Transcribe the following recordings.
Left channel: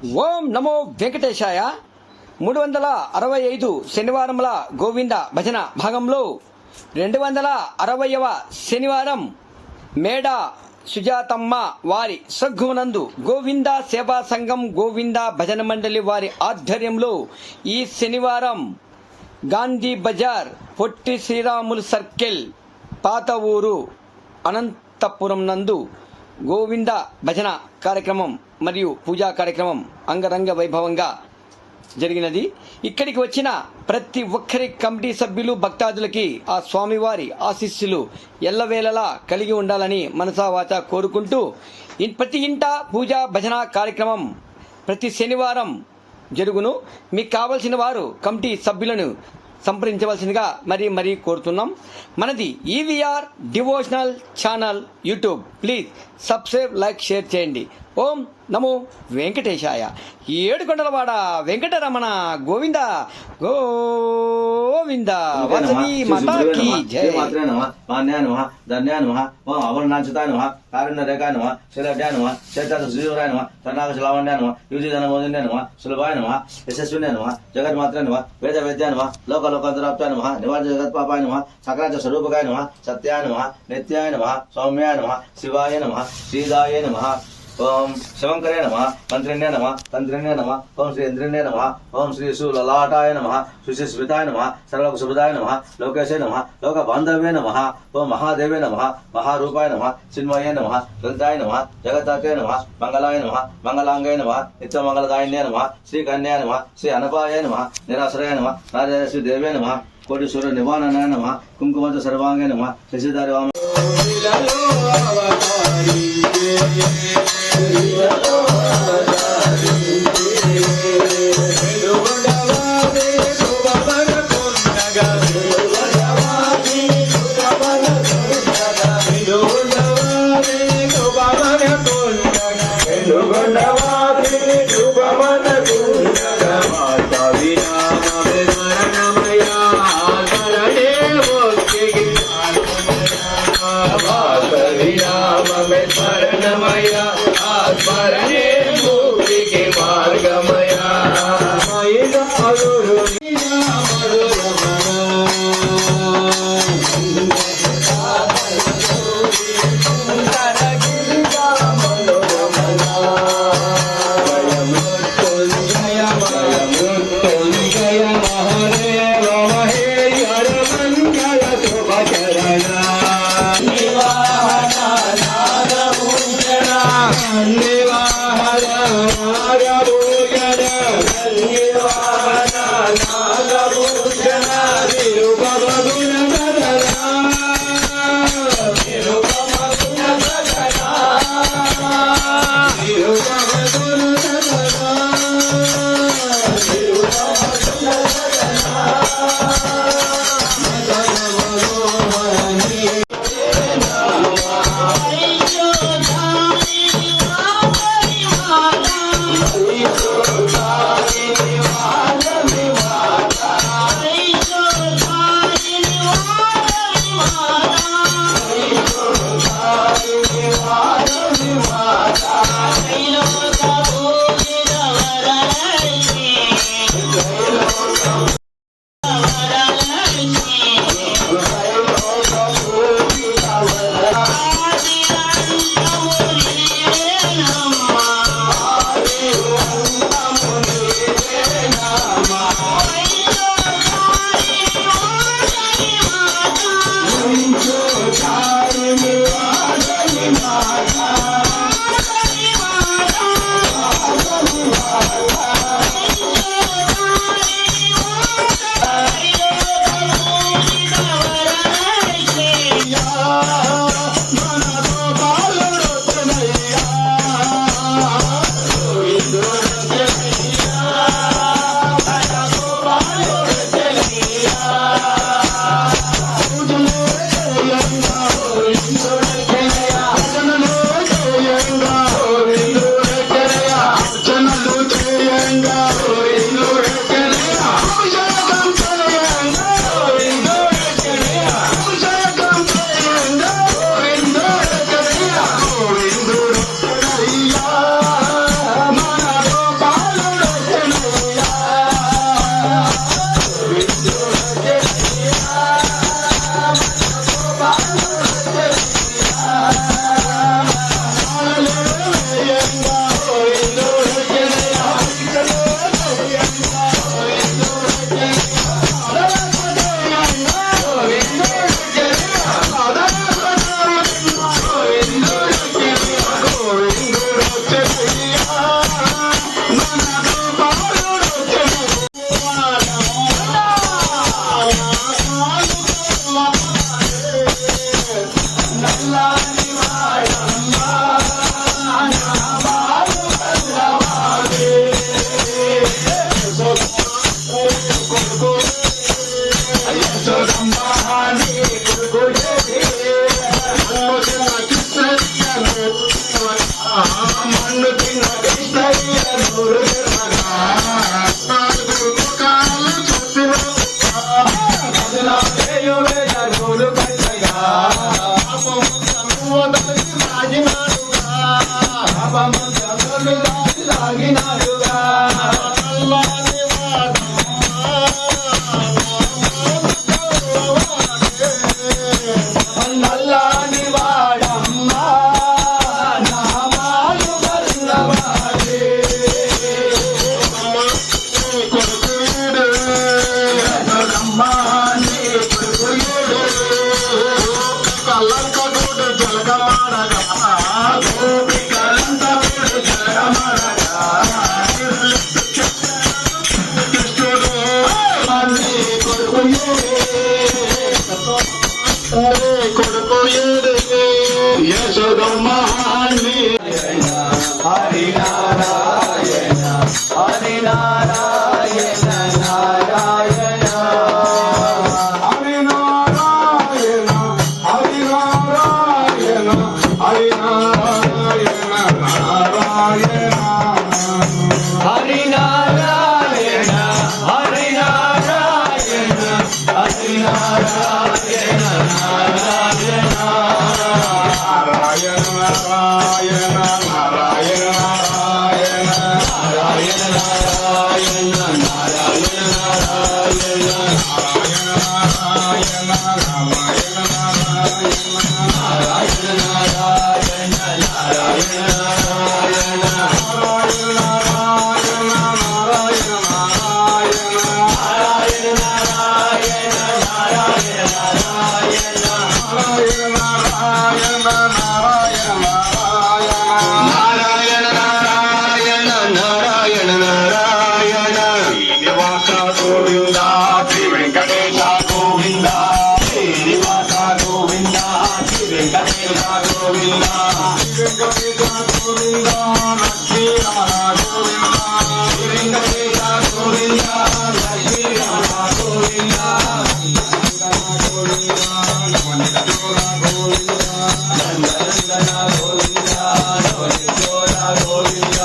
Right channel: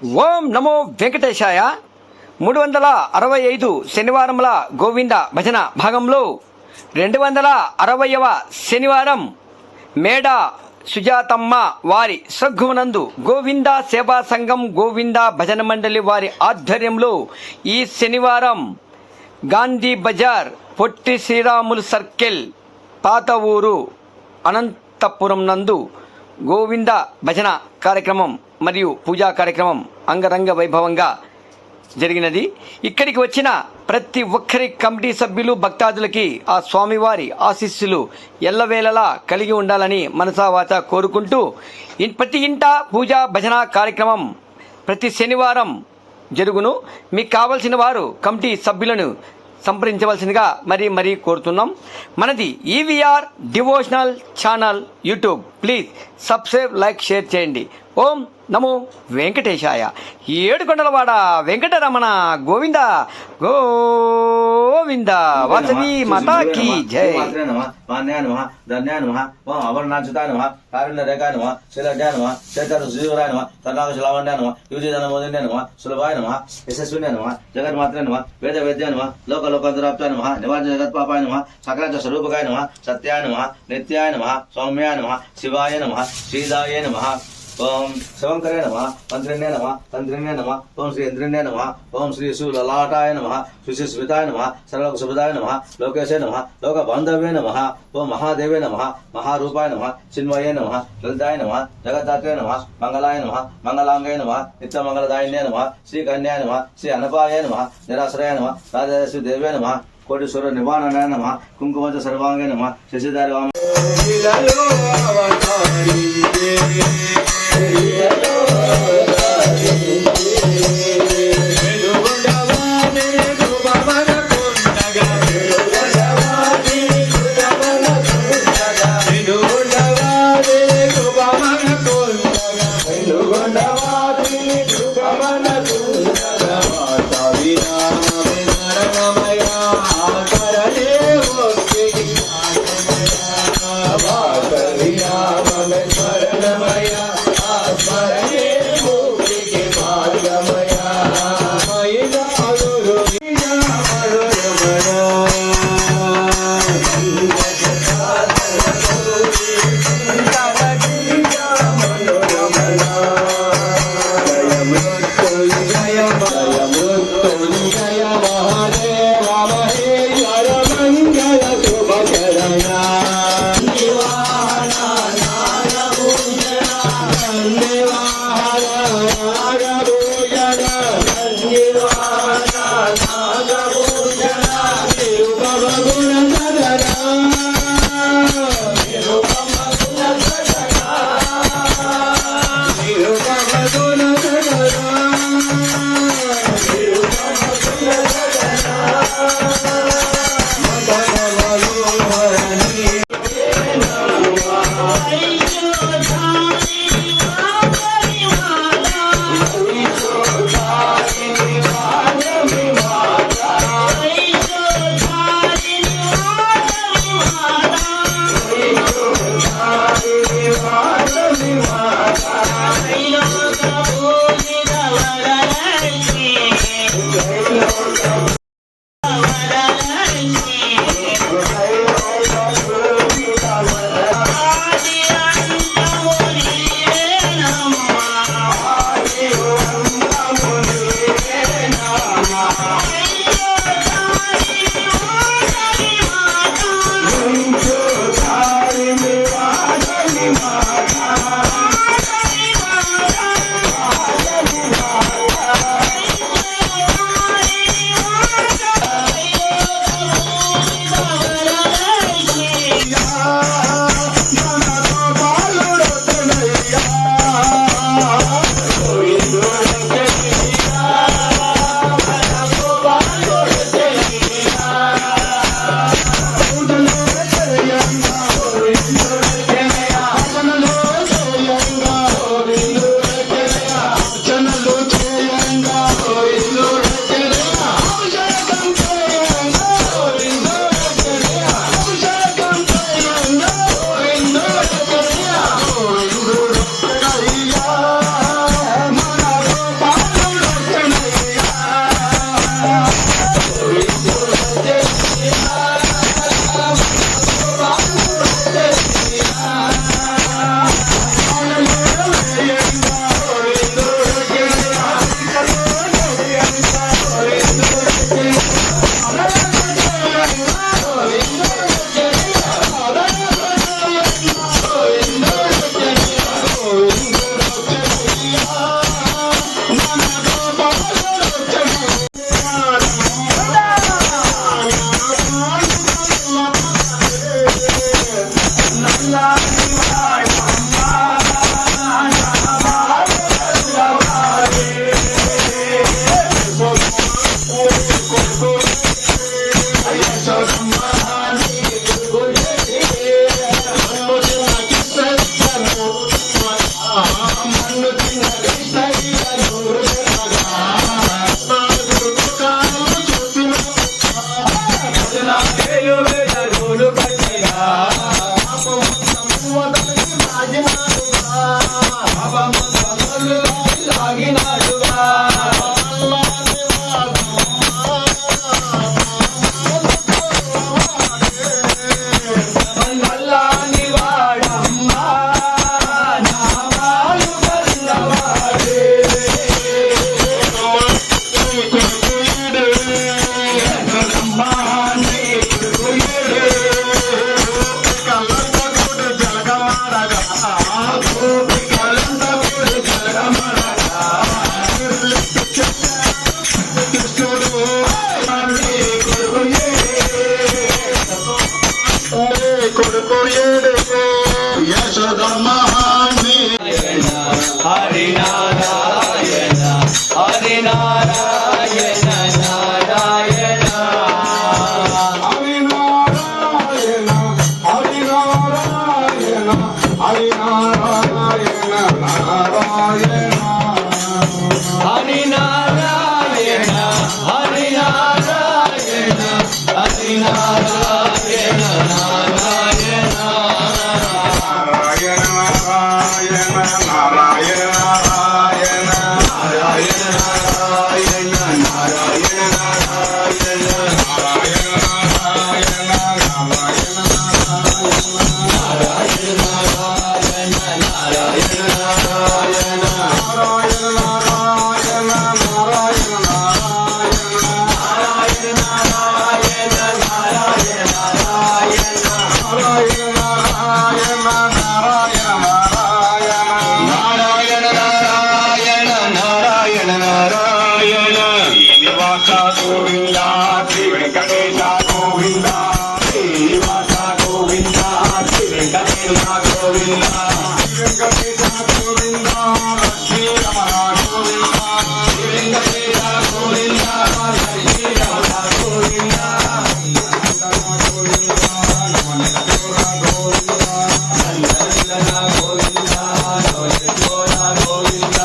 ఓం నమో వెంకటేశాయ. 365 శనివారముల గోవింద భజన భాగంలో 260వ శనివారం మేడ సుజాతమ్మ వారి సగ్గునందు గోవింద సేవా సంఘం గోవింద భజన మండలి వారి ఆధ్వర్యంలో ఈ శనివారం గాంధీ బజార్ పొట్టి శ్రీరాములు సర్కిల్ పాత ఊరు అనంతపురం నందు గోవింద భజన కార్యక్రమం మరియు పూజా కార్యక్రమం అంగరంగ వైభవంగా జరిగినది. ఇక్కడికి వచ్చిన ప్రతి ఒక్కరి కమిటీ సభ్యులు భక్తాదులకి ఆ స్వామివారి ఆశీస్సులు ఎల్లవేళలా కలిగి ఉండాలని మనసావాచ కోరుకుంటూ ప్రతి ఇంట పూజా భజన కార్యక్రమం ప్రతి శనివారం జరుగును. మీకు కావలసిన వారు కమిటీ సభ్యులను సంప్రదించవలసిందిగా మరీ కోరుతున్నాం. మనది EVR devotional channel YouTube. Please subscribe, like, share చేయండి. ఓం నమో వెంకటేశాయ. ఏడుకొండలవాడ వెంకటరమణ గోవింద గోవింద వాసవి మాతాకి జై. జగన్మాత్రే నమ వేద వేద్య నమ లోక లోకంతరాప్తాయ నమ నివాజ జగత్పాపాయ నమ సకరాచ స్వరూపకాయ నమ సత్యాయ నమ నిత్యాయ నమ సౌమ్యాయ నమ శివాయ నమ శ్రీదాయ నమ. ఓం శివంకరే నమ మంత్రిణ్య నమ తంత్రిణ్య నమ ఓం శ్రీ ఇంద్రిణ్య నమ ఓం శ్రీ సులలాటాయ నమ సుశిస్మితాయ నమ సర్వలోక శుభదాయ నమ లోకేశే నమ లోక బాంధవ్యే నమ ఓం మహాదేవే నమ మహారూపాయ నమ చిన్మయే నమ లలితాయ నమ జగతాకే నమ మంగళాయ నమ మంగళాంగాయ నమ నిత్యమంగళదాయిన్యే నమ శ్రీకన్యాయ నమ శ్రీ అనపాయ నమ నిరాశ్రయ నమ రాజశ్రీ దేవే నమ కోటీశ్వర నివారణాయ నమ కుంకుమంచ సర్వాంగే నమ శశిధారి వామ. Bye. హరి నారాయణ హరి నారాయణ నారాయణ హరి నారాయణ హరి నారాయణ హరి నారాయణ నారాయణ హరి నారాయణ హరి నారాయణ హరి నారాయణ నారాయణ నారాయణ నారాయణ నారాయణ నారాయణ నారాయణ నారాయణ నారాయణ గోవింద శ్రీ వెంకటేశ గోవింద శ్రీనివాస గోవింద శ్రీ వెంకటేశ గోవింద వెంకటేశ గోవింద లక్ష్మీ రమణ గోవింద శ్రీ వెంకటేశ గోవింద లక్ష్మీ రమణ గోవింద నందనందన గోవింద గోవింద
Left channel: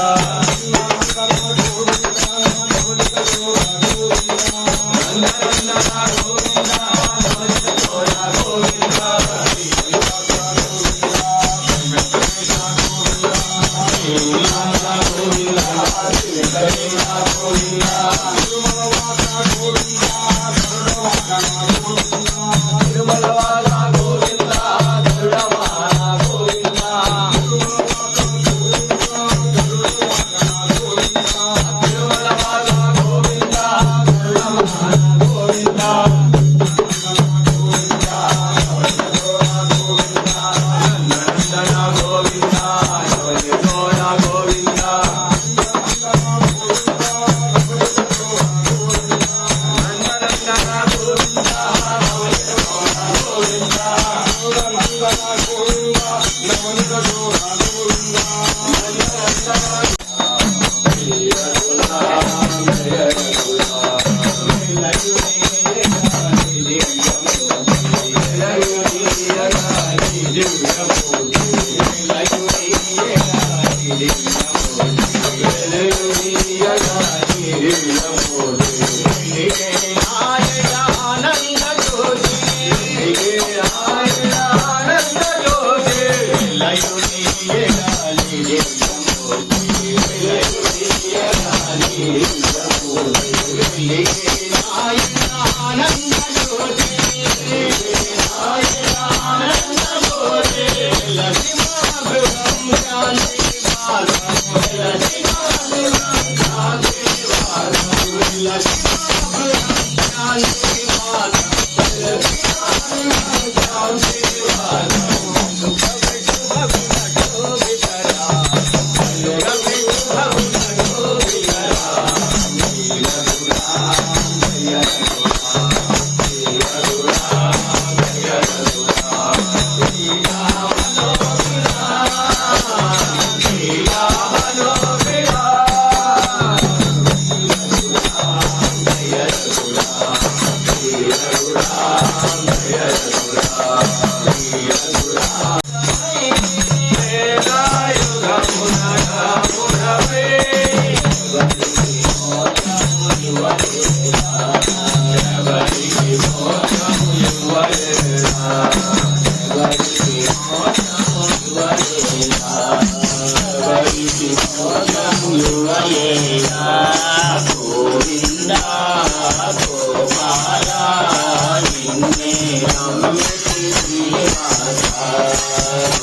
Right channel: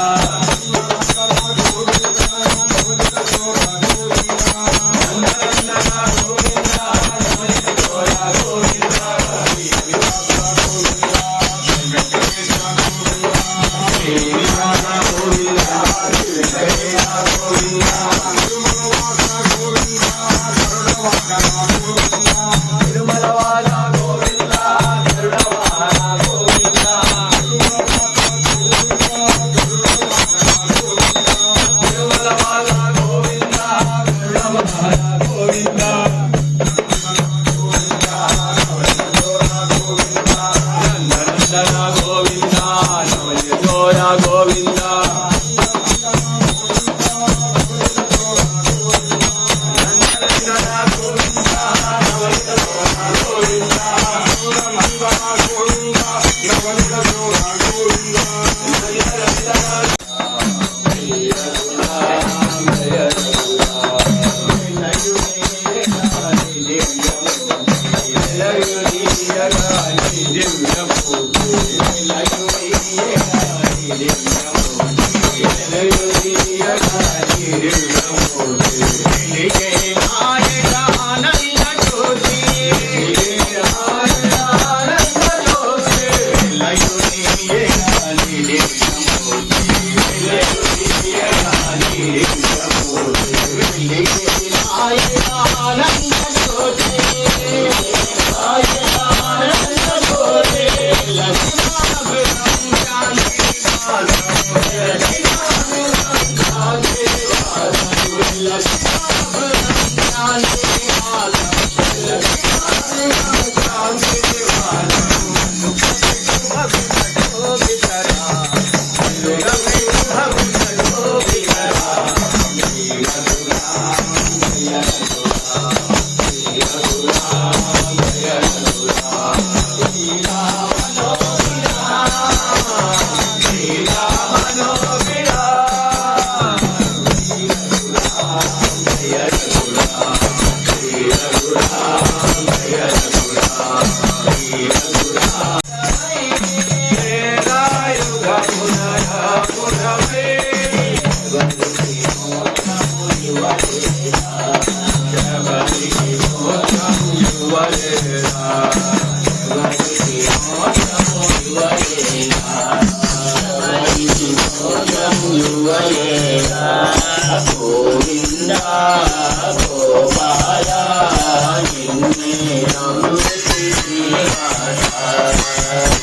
Govinda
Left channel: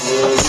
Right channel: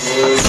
प्रेम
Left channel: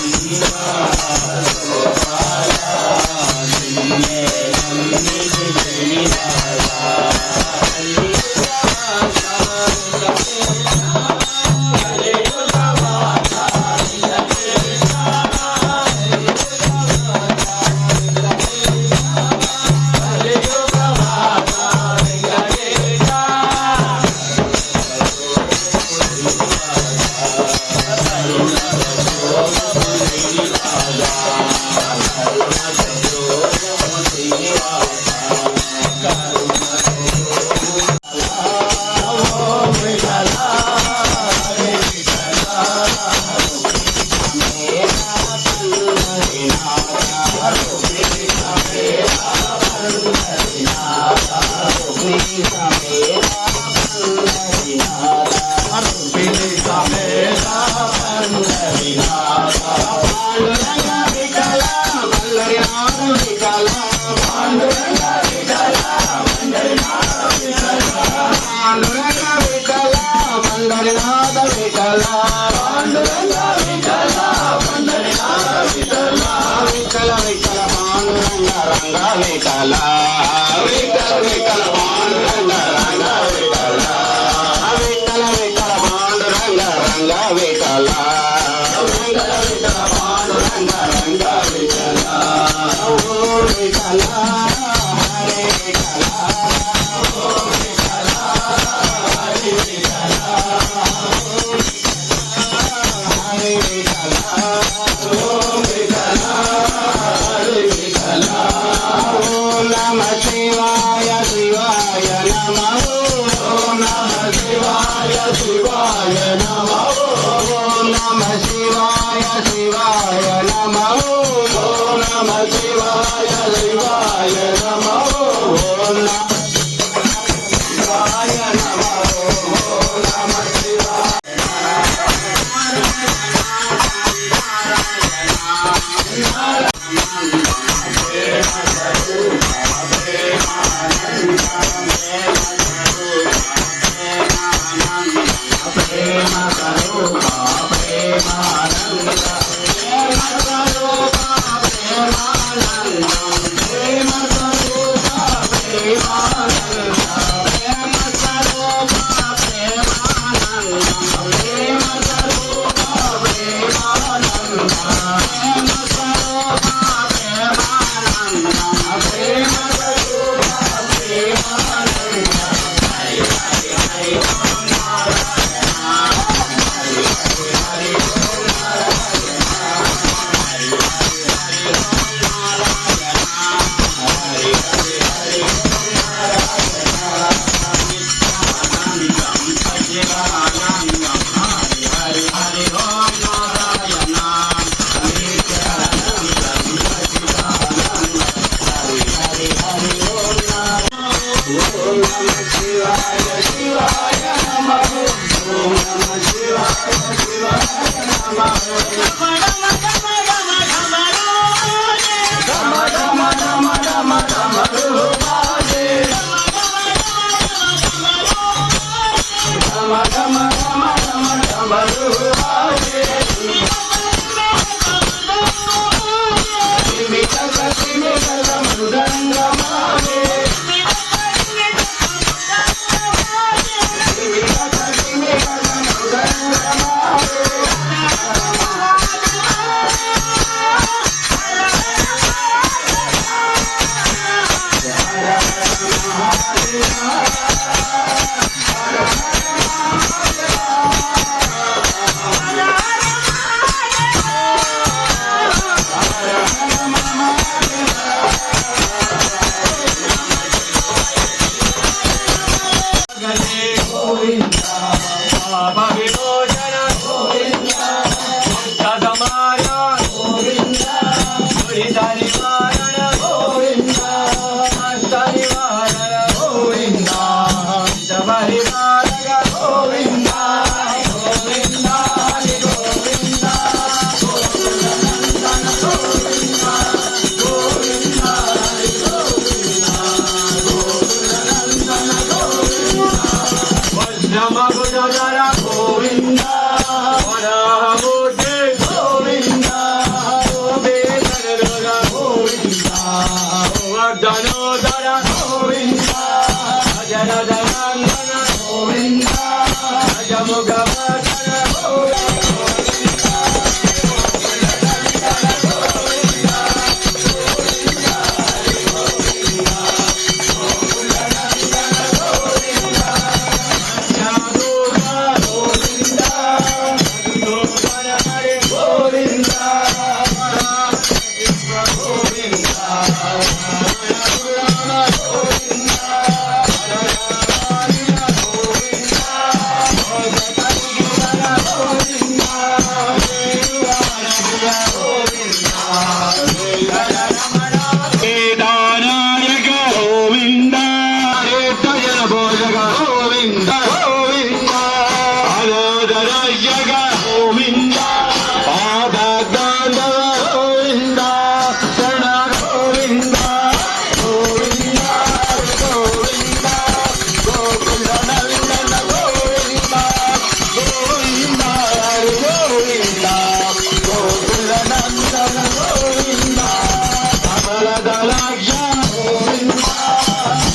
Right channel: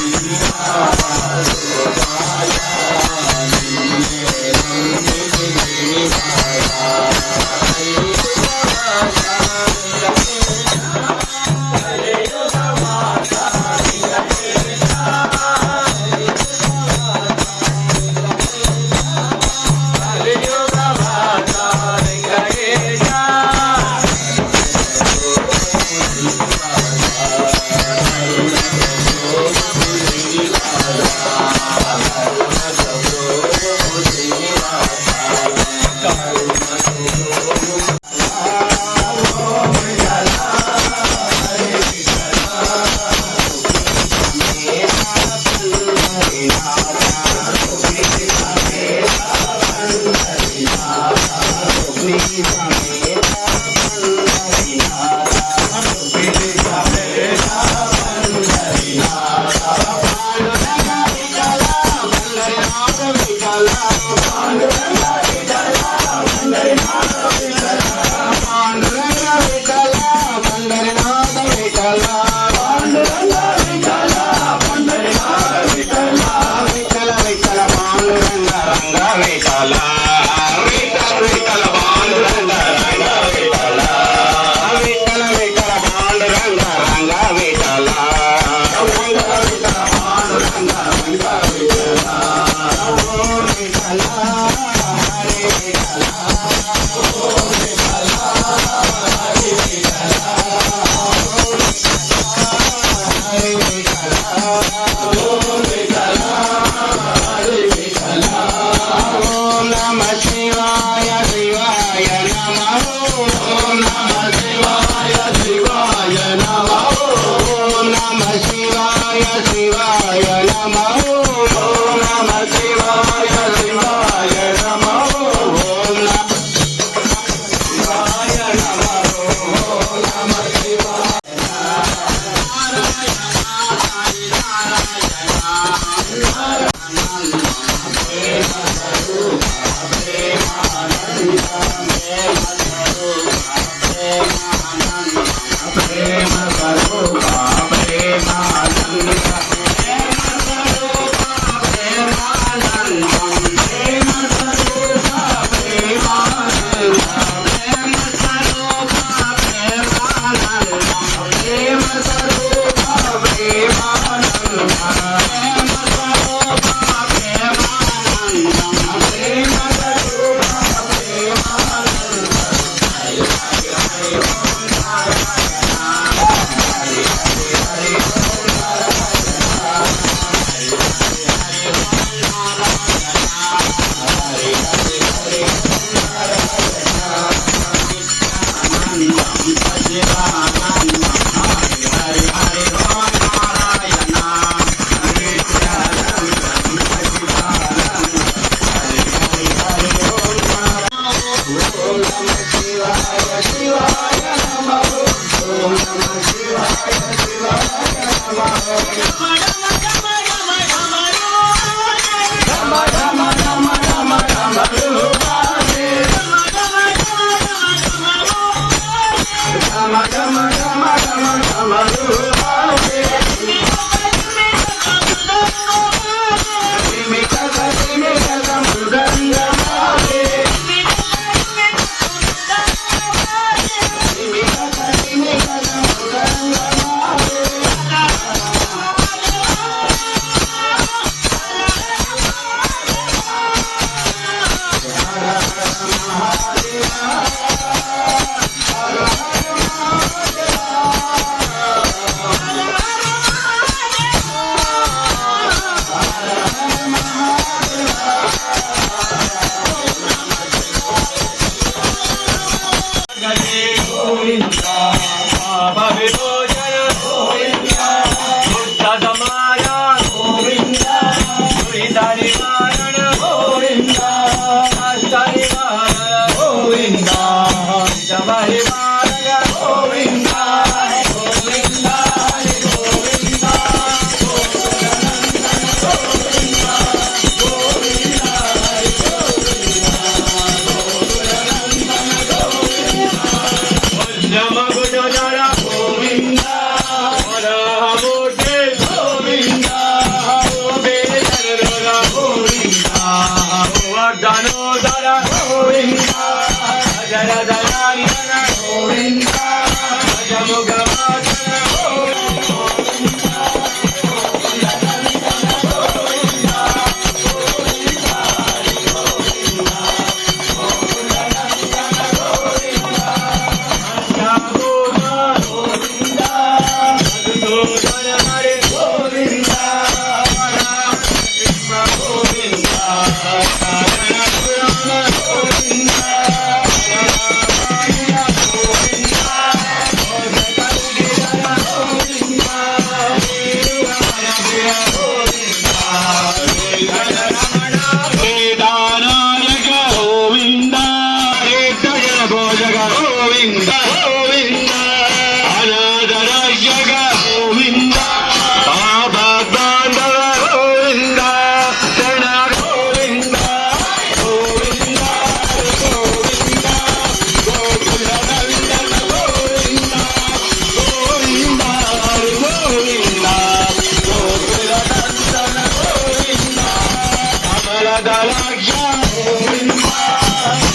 వరదలాక్ష గోవింద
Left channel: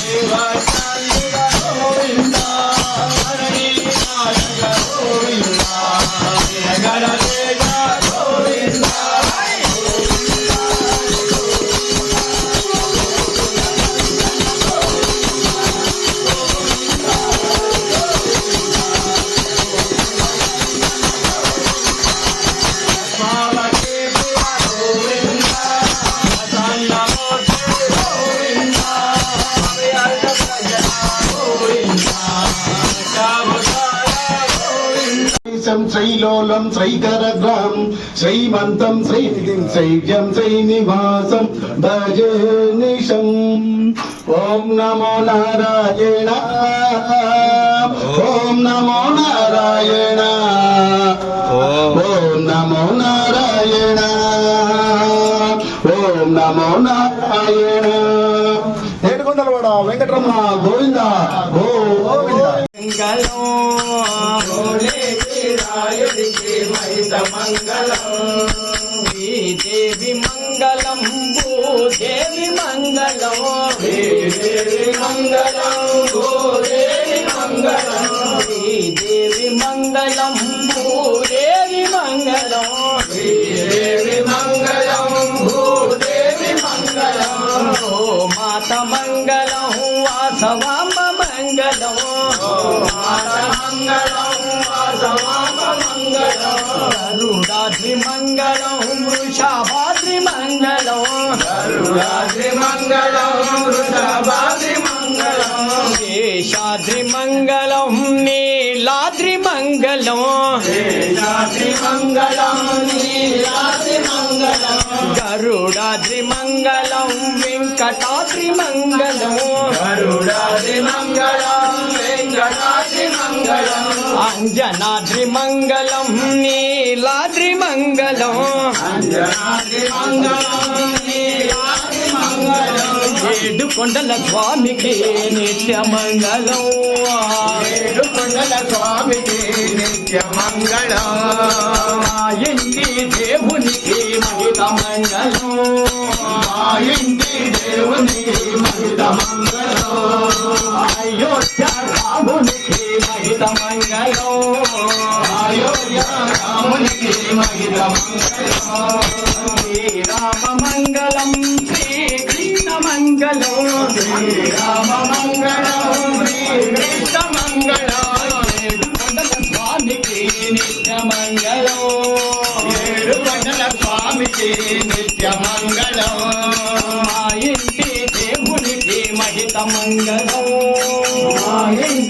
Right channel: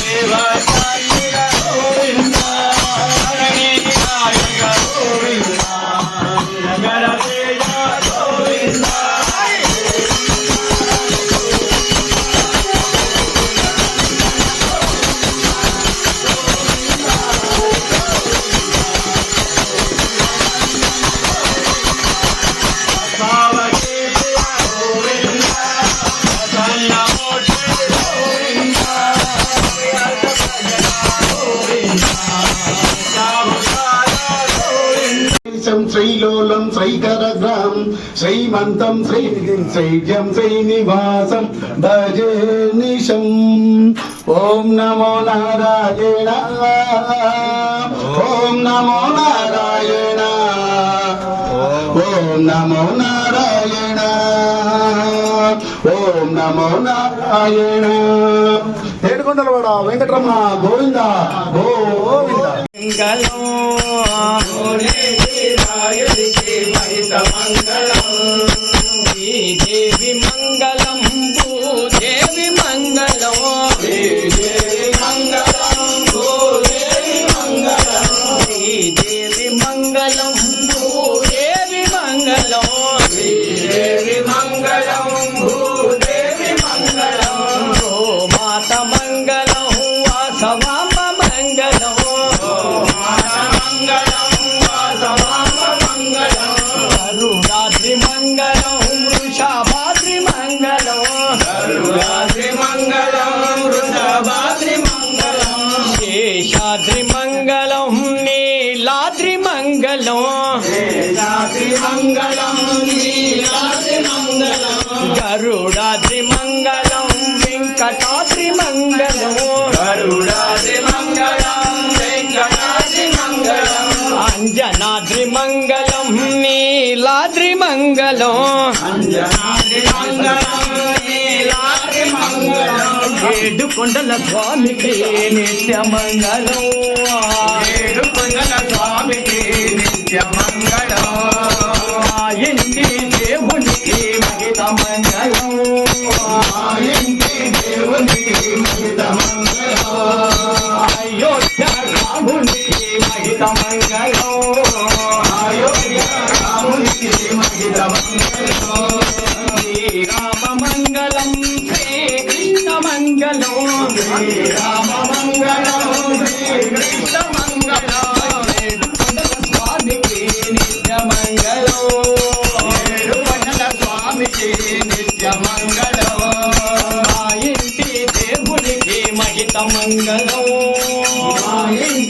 దేవతాళిక గోవింద గణనాయక గోవింద గణతేజ గోవింద శ్రీలోలం శ్రీకరగ్రహం శ్రీమంతం శ్రీనిధిం శ్రీజం శ్రీనివాసం భజే నిశం ఓం నమో నారాయణ ఓం నమో నారాయణ ఓం నమో నారాయణ ఓం నమో నారాయణ ఏడుకొండలవాడ వెంకటరమణ గోవింద గోవింద దేవి మంగళం భూదేవి మంగళం దేవి మంగళం భూదేవి మంగళం దేవి మంగళం భూదేవి మంగళం దేవి మంగళం భూదేవి మంగళం ఓ మాత మంగళం వాసవామ మంగళం గరుడాద్రి మంగళం వృషభాద్రి మంగళం గరుడాద్రి మంగళం వృషభాద్రి మంగళం శేషాద్రి మంగళం నీలాద్రి మంగళం శేషాద్రి మంగళం నీలాద్రి మంగళం గరుడాద్రి మంగళం వెంకటాద్రి మంగళం గరుడాద్రి మంగళం వెంకటాద్రి మంగళం అంజనాద్రి మంగళం నీలాద్రి మంగళం అంజనాద్రి మంగళం నీలాద్రి మంగళం ఏడుకొండల స్వామికి నిత్య మంగళం ఏడుకొండల స్వామికి నిత్య మంగళం మా ఇంటి దేవునికి మహిత మంగళం మా ఇంటి దేవునికి మహిత మంగళం అయోధ్య రామునికి మహిత మంగళం అయోధ్య రామునికి మహిత మంగళం శ్రీరామ మంగళం శ్రీకృష్ణ మంగళం శ్రీరామ మంగళం శ్రీకృష్ణ మంగళం ఏడుకొండల స్వామికి నిత్య మంగళం ఏడుకొండల స్వామికి నిత్య మంగళం మా ఇంటి దేవునికి మహిత మంగళం మా ఇంటి